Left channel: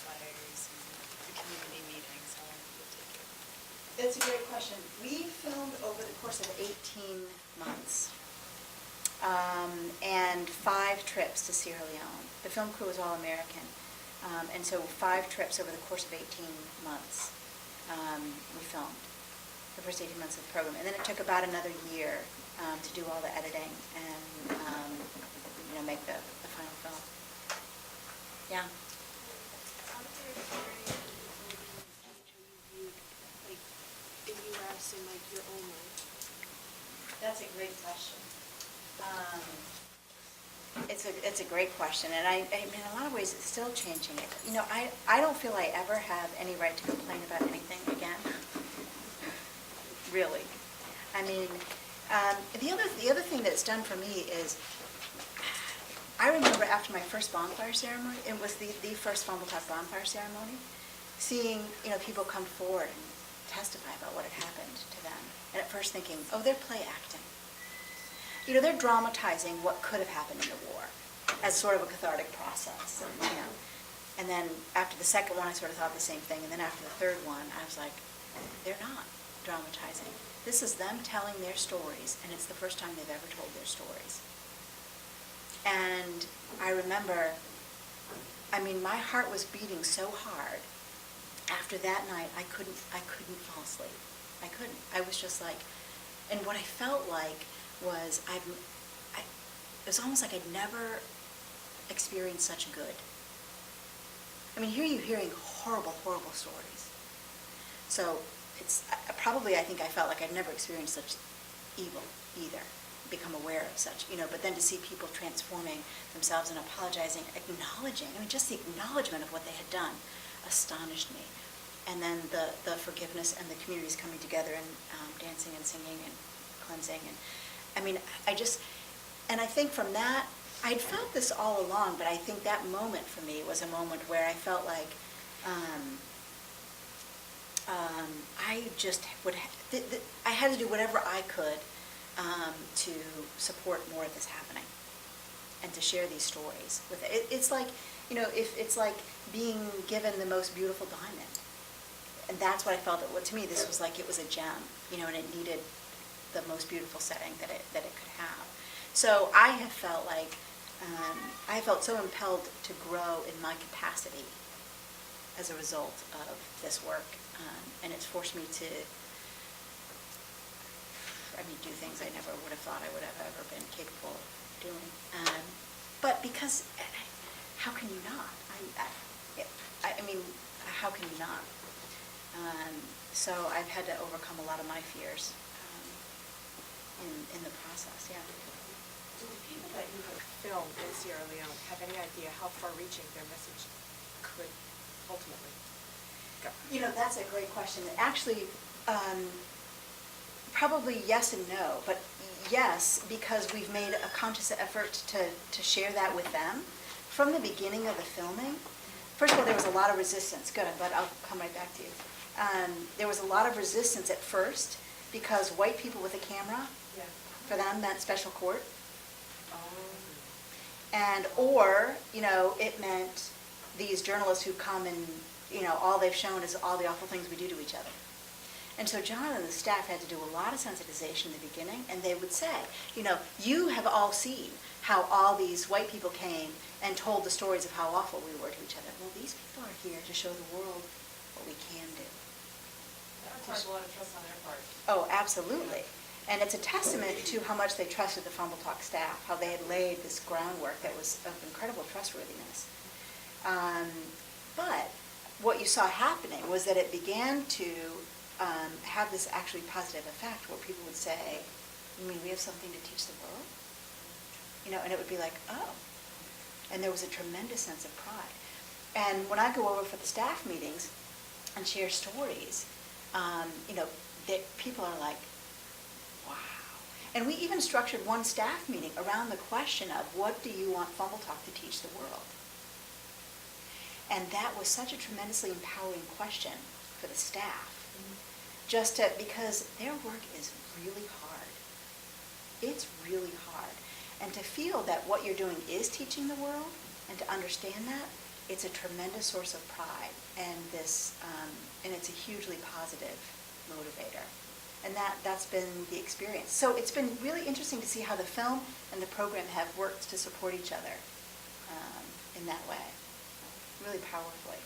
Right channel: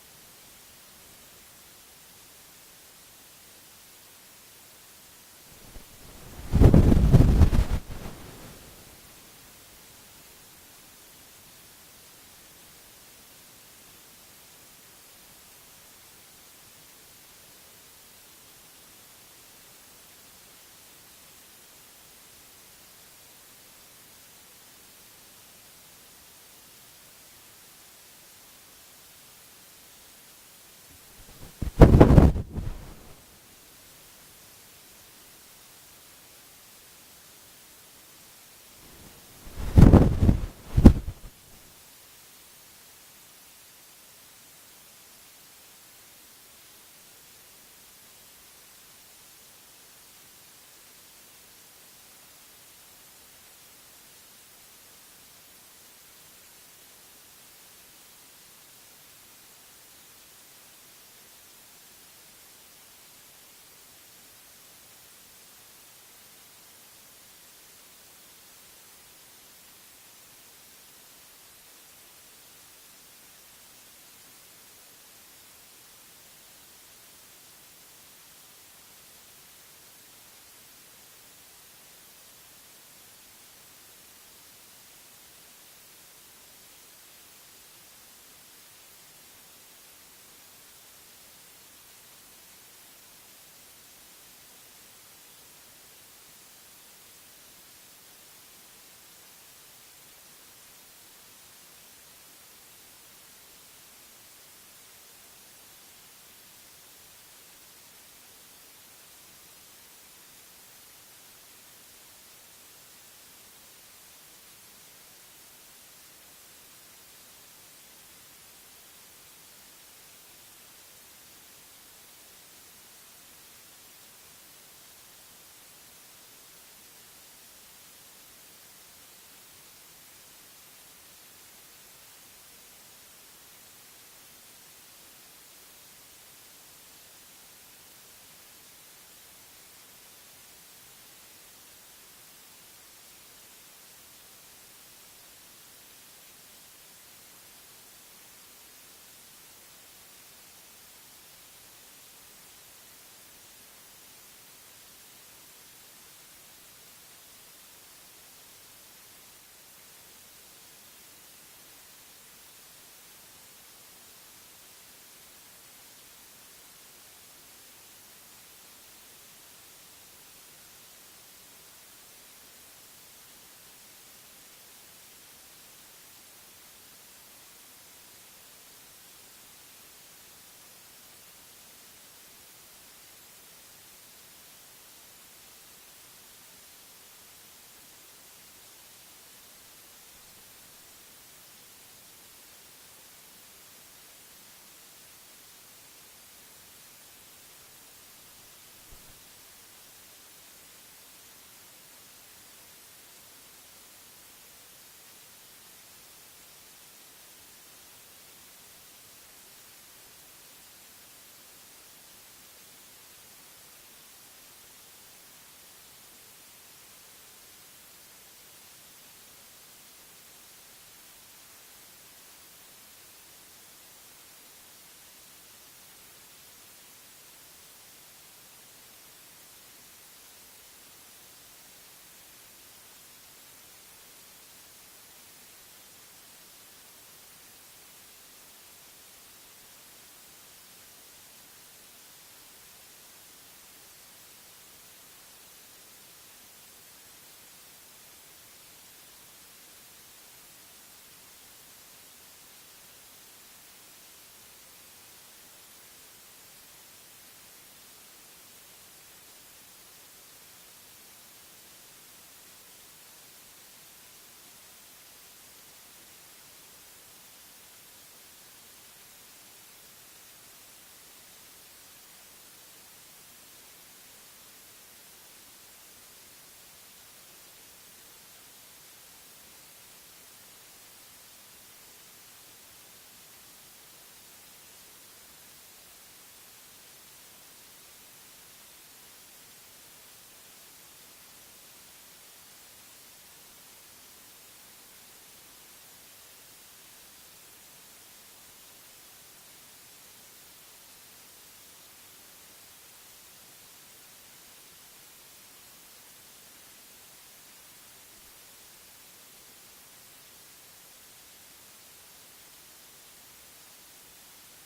bonfires and the community meetings, how long did it take you? That's a great question. We filmed over the course of 18 months and 5 trips to Sierra Leone. The film crew was all American, and so 5 trips over the course of 18 months we filmed the first 18 months of the program. And then it took about another year to do all the editing and make the final film. Yeah. How did your experience in the U.S. and your own life? That's a great question. It's a great question, and I mean, in a lot of ways, it's still changing it. I don't feel I ever have any right to complain about anything again. Really. I mean, the other thing that it's done for me is, I remember after my first bonfire ceremony, it was the first Fambul Tok bonfire ceremony, seeing people come forward and testify about what had happened to them, and at first thinking, oh, they're play acting. They're dramatizing what could have happened in the war as sort of a cathartic process. And then after the second one, I sort of thought the same thing. And then after the third one, I was like, they're not dramatizing. This is them telling their stories, and it's the first time they've ever told their stories. And I remember, my heart was beating so hard. After that night, I couldn't fall asleep. I couldn't. I was just like, and what I felt like was it was almost like I'd never experienced such good. Here you're hearing horrible, horrible stories. So it's probably, I think I felt like I'd never experienced such evil either, become aware of such, but then to see people transforming themselves and apologizing, acknowledging, just the acknowledgement of what they had done astonished me. And then the forgiveness and the communities coming together and dancing and singing and cleansing. And I think from that, I'd felt this all along, but I think that moment for me was a moment where I felt like I had to do whatever I could to support more of this happening and to share these stories with it. It's like, it's like being given the most beautiful diamond. And that's what I felt. To me, this was like it was a gem, and it needed the most beautiful setting that it could have. So I have felt like I felt so impelled to grow in my capacity as a result of this work, and it's forced me to do things I never would have thought I would have ever been capable of doing. But because how can you not? How can you not? So I've had to overcome a lot of my fears in the process. Yeah. Do the people that you have filmed in Sierra Leone have any idea how far-reaching their message could ultimately go? That's a great question. Actually, probably yes and no, but yes, because we've made a conscious effort to share that with them. From the beginning of the filming, first of all, there was a lot of resistance. Good, but I'll come right back to you. There was a lot of resistance at first because white people with a camera, for them, meant special court. And, it meant these journalists who come and, all they've shown is all the awful things we do to each other. And so John and the staff had to do a lot of sensitization in the beginning, and they would say, you have all seen how all these white people came and told the stories of how awful we were to each other. Well, these people are here to show the world what we can do. That requires a lot of trust on their part. Oh, absolutely. And it's a testament to how much they trusted the Fambul Tok staff, how they had laid this groundwork that was of incredible trustworthiness. But what you saw happening was that it began to have this actually positive effect where people would say, we have something to teach the world? And it would be like, oh. And there was a tremendous sense of pride. And when I go over for the staff meetings and share stories, people are like, wow. And we even structured one staff meeting around the question of what do you want Fambul Tok to teach the world? And that was such a tremendously empowering question for the staff. Because their work is really hard. It's really hard. And to feel that what you're doing is teaching the world, and to understand that, it's a tremendous source of pride, and and it's a hugely positive motivator. And that's been the experience. So it's been really interesting to see how the film and the program have worked to support each other in that way, really powerfully.